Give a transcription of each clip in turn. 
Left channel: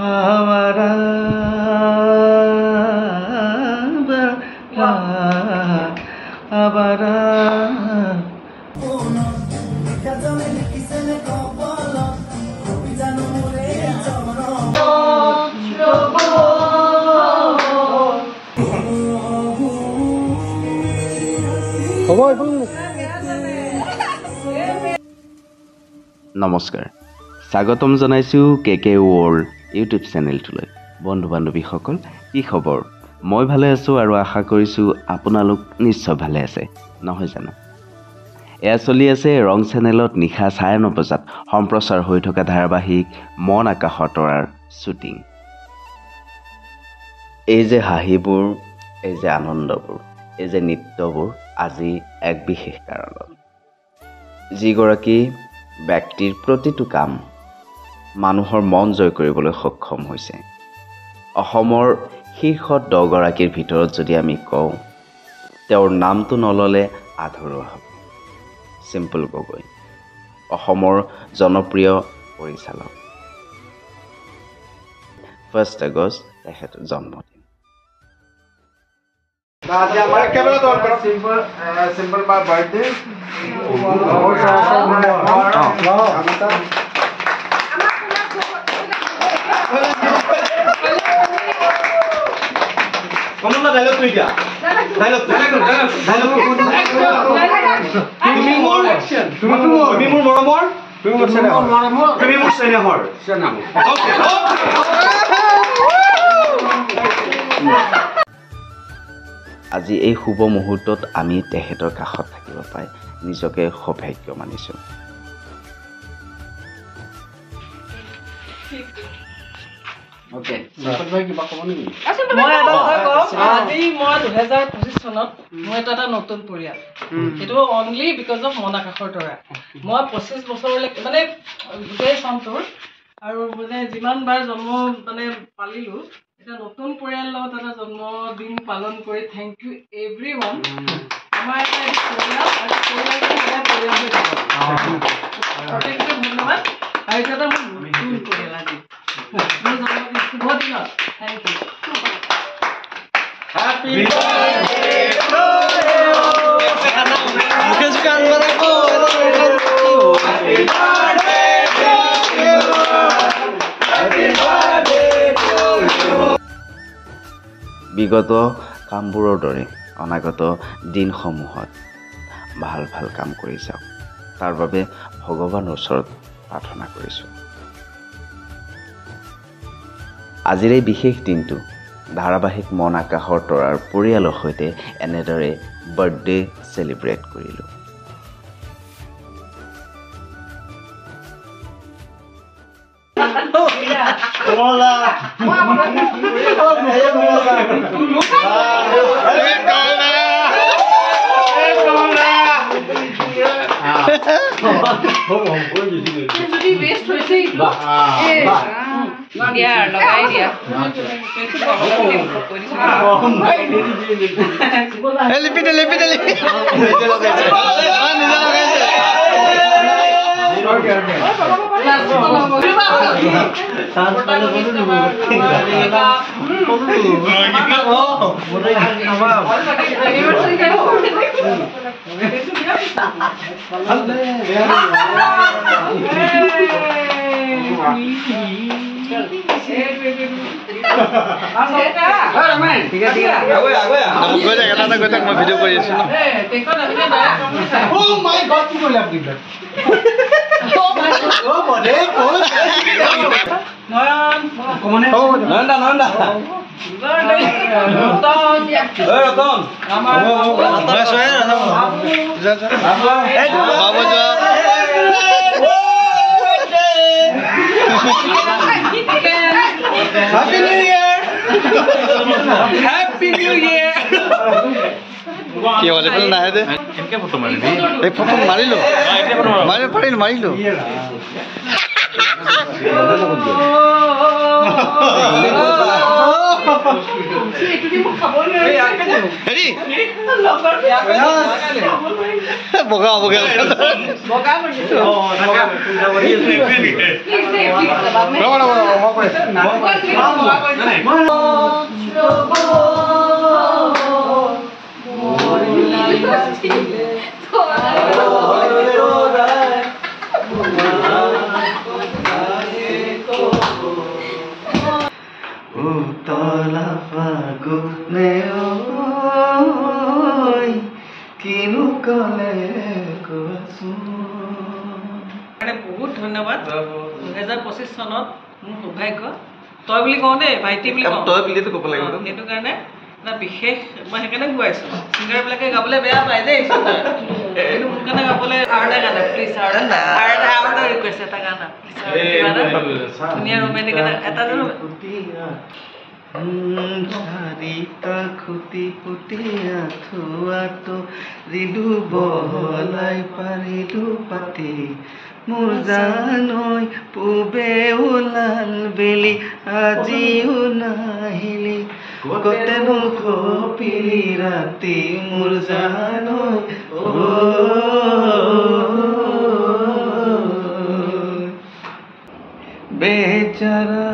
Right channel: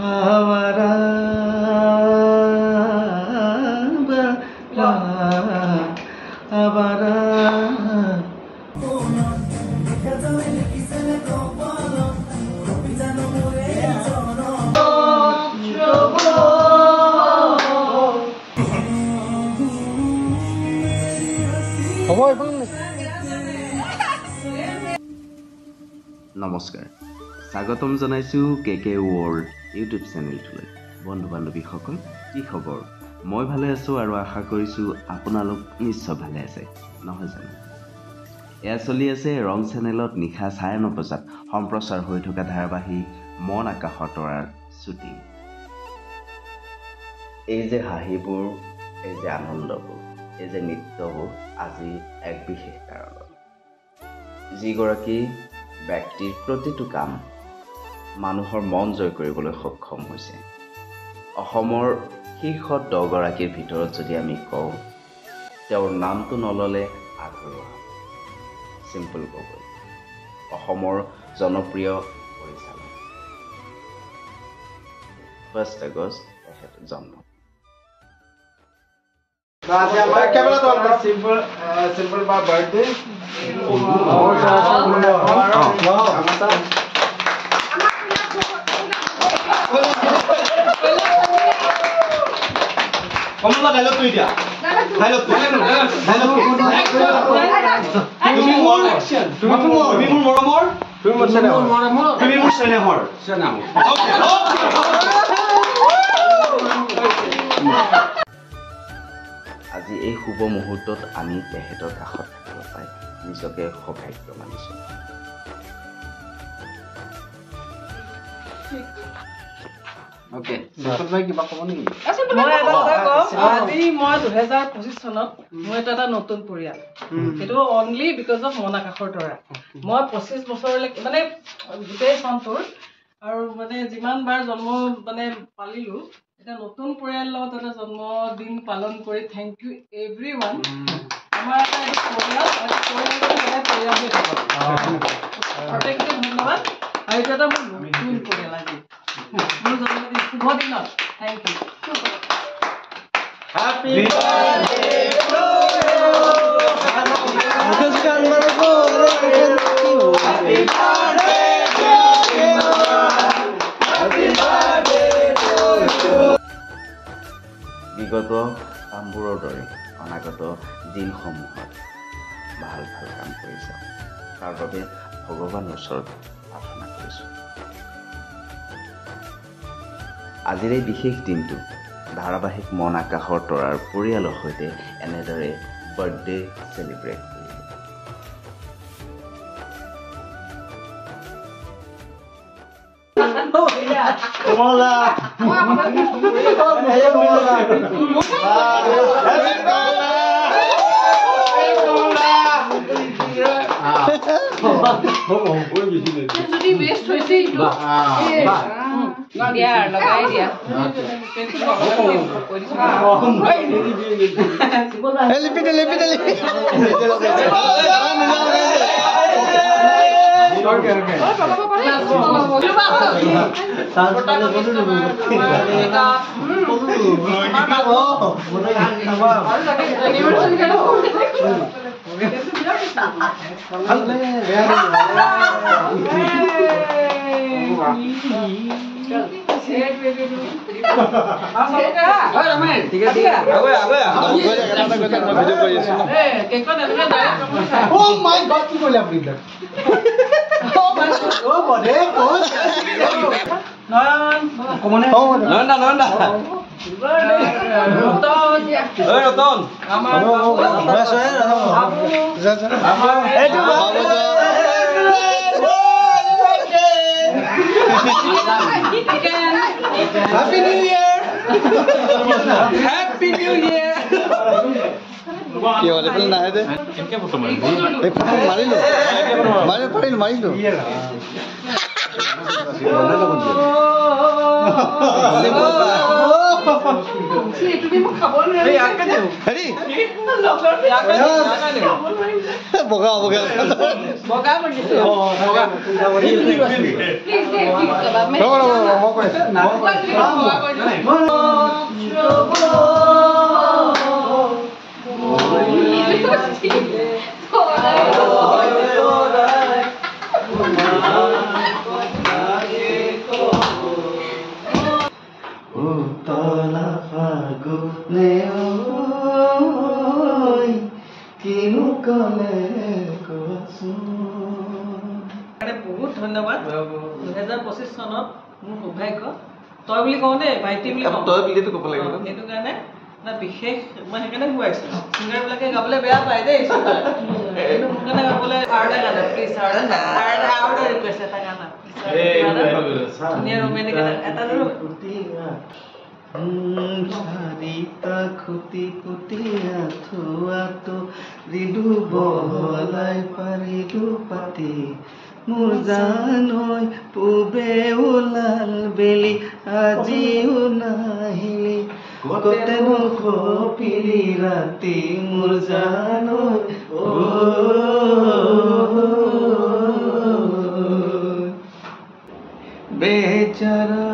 हमारा हमारा নমস্কাৰ স্বাগতম জনাইছোঁ কেকে ৱৰ্ল্ড ইউটিউব চেনেলটোলৈ বন্ধু বান্ধৱীসকল কি খবৰ মই ভালে আছোঁ আৰু আশা কৰিছোঁ আপোনালোক নিশ্চয় ভালে আছে নহয় জানো এয়া চলি আছে ৰং চেনেলত নিশা 9:30 বজাত সম্প্ৰচাৰ হৈ থকা ধাৰাবাহিক মন আকাশৰ তৰাৰ শ্বুটিং এই যে হাঁহিবোৰ এই যে আনন্দবোৰ এই যে নৃত্যবোৰ আজি এক বিশেষ কাৰণত যিগৰাকী ব্যক্তিৰ প্ৰতিটো কাম মানুহৰ মন জয় কৰিবলৈ সক্ষম হৈছে অসমৰ শীৰ্ষ 10 গৰাকীৰ ভিতৰত যদি আমি কওঁ তেওঁৰ নামটো নললে আধৰুৱা হ'ব সিম্পল গগৈ অসমৰ জনপ্ৰিয় পৰিচালক 1 আগষ্ট তেখেতৰ জন্মদিন आज हमारा कैमरा तो आपका सिंपल सिंपल बात बर्थडे कमला डायलॉग तो दिया डायलॉग তুমি মোৰ অ্যাকশন তুমি মোৰ মৰমৰ তুমি মোৰ স্নেহৰ ওকে আজি এই শুভ মুহূৰ্তত আমি তেখেতৰ কাষত থাকিব পাই নিজকে সৌভাগ্য মানিছোঁ ओके সিম্পল ভাই কিবা ক'ব নেকি মই এটা কথা কম আজি মই 2025 চনত মই এটা নতুন পৰিয়াল এটো অনলি বিকজ অফ মন আকাশৰ তৰা মই 25 বছৰলৈকে মানে গোটেই সন্তৰ আৰু মানে যিমান বাৰ জন্ম মানে পালিলো এটা নতুন পৰিয়াল লগত এটা জন্মদিন পালন কৰি থ্যাংক ইউ এভৰিওয়ান আমাৰ এটা পৰিয়াল আৰু পৰিয়ালটো এটা পৰিয়াল হৈ থাকিব প্ৰত্যেকটো ধন্যবাদ আৰু এটা মোৰ নতুন পৰিয়াল আজি মোৰ জন্মদিন শুভ দিনত thank you happy birthday to you Mukesh কাঙ্গারে কো happy birthday happy birthday to you বিগত কামবোৰৰ দৰে অনাগত দিনসমূহত ভাল ভাল কাম কৰি যাওক তাৰ বাবে ভগৱানৰ ওচৰত প্ৰাৰ্থনা কৰিছোঁ আজিৰ এই বিশেষ দিনটো ধাৰাবাহিক মন আকাশৰ তৰাৰ পৰিয়ালৰ সৈতে এনেদৰে বাৰ্থডে সেলিব্ৰেট কৰিলোঁ কমলা যদি বেস্ট হইছে বাহ দিয়া লগাই দিয়া লিপিতে Happy New Year! কি হলে ফেল না হেদে কেনকে ফটো মারিলি এই ফটো মারিলো মারিলো এইটো দি মই খাবই নোৱাৰিম হেৰি লগৰ ইয়াকে বগা বগা বগা বুলি বহুত ধন্যবাদ 2025 চনত মোৰ সৌভাগ্য তই বুলি কওঁ দেই ভাইটি বুলি কওঁ তই বুলিতো ক'ব লাগিব সেইটো কাৰণে এটা বিশেষ মই সেইকাৰণে গোৱাইছোঁ ছিংগাৰবিলাকে গাবলৈ বেয়া পায় দেই কিন্তু মোৰ কাৰণে গাবলৈ আৰু গানা প্লিজ আৰু ৰিকুৱেষ্ট এটা গানা ধুনীয়া ৰোমেণ্টিক এটা চাৰিটা খুটি পুতিয়া থোৱাটো দিলো বহলাই পাৰিলো পাতি মোৰ জানৈ পূবে ওলাল বেলি আজিও নাহিলি কতেনো খপিলি ৰাতি মোৰ জানৈ বেচাৰা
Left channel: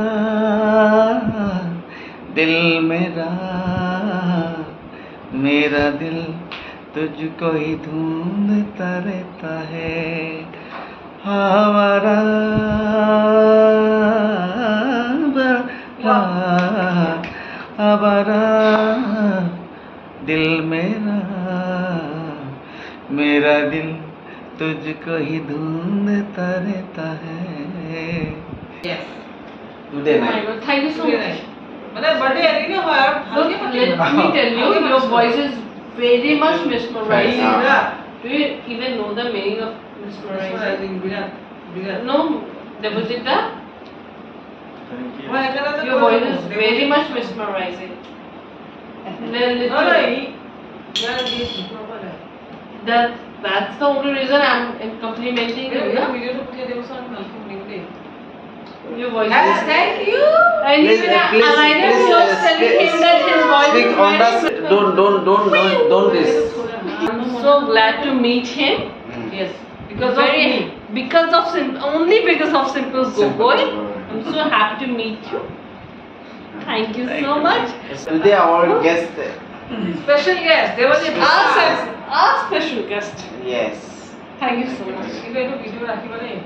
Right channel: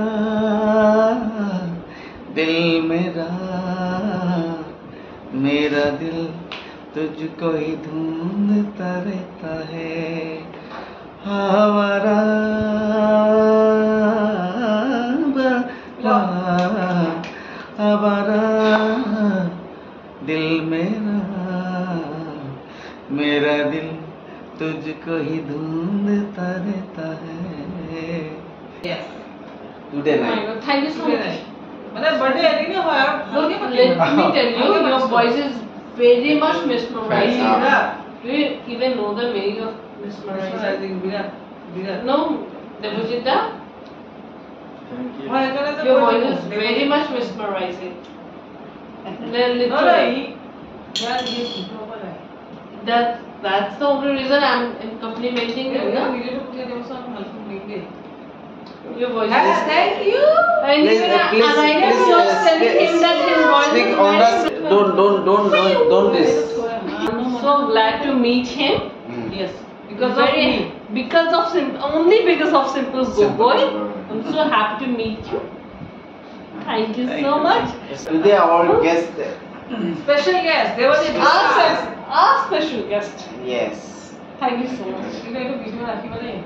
दिल मेरा दिल तुझको ही ढूंढता रहता है हमारा हमारा दिल मेरा दिल तुझको ही ढूंढता रहता है Yes. Today Oh my God, thank you so much. মানে বাৰ্থডে এদিনে হয় আৰু ভালকে Let me tell you, your voice is very much mesmerizing. Do you even know the meaning of mesmerizing? No, Devojita, your voice is very much mesmerizing. That's the only reason I'm complimenting you. Na? Your voice is Thank you. and even Ananya was telling him that his voice is very don't this. I'm so glad to meet him. Yes, because of Very- me. Because of only because of Simple Gogoi. I'm so happy to meet you. Thank you so much. Today our guest. Special guest. They were the Our special guest. Yes. Thank you so much. কিন্তু এইটো video' ৰাখিব দেই